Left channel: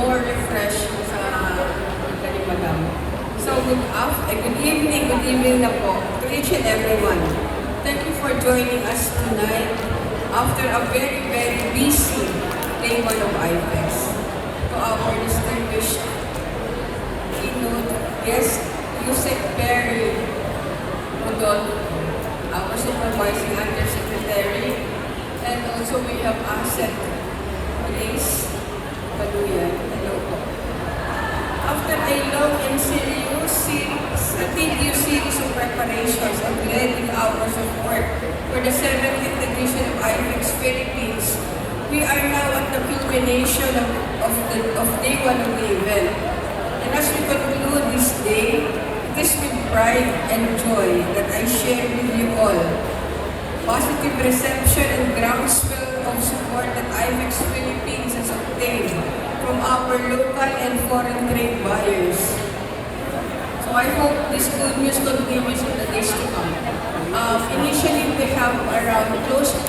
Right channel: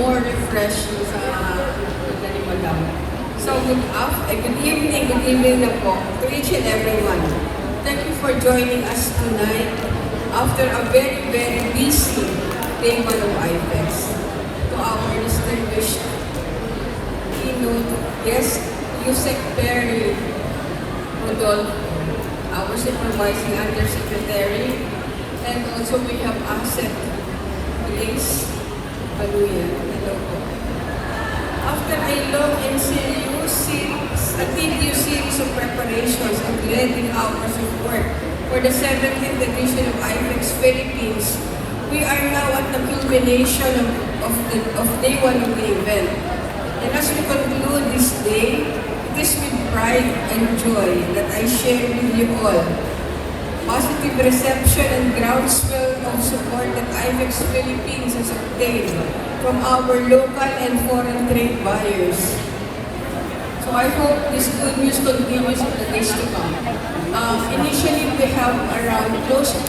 more refreshed sa Kalimagang. So, good evening na po to each and everyone. Thank you for joining us tonight after a very, very busy day one of IFEX. To our distinguished keynote guest, Yusek Perry Rodolfo, our supervising undersecretary, and also we have Asset Grace Kaluya. Hello po. After a long and continuous series of preparations and dreading hours of work for the 70th edition of IFEX Philippines, we are now at the culmination of day one of the event. And as we conclude this day, it is with pride and joy that I share with you all positive reception and groundswell of support that IFEX Philippines has obtained from our local and foreign trade buyers. So I hope this good news continues in the days to come. Initially, we have around close to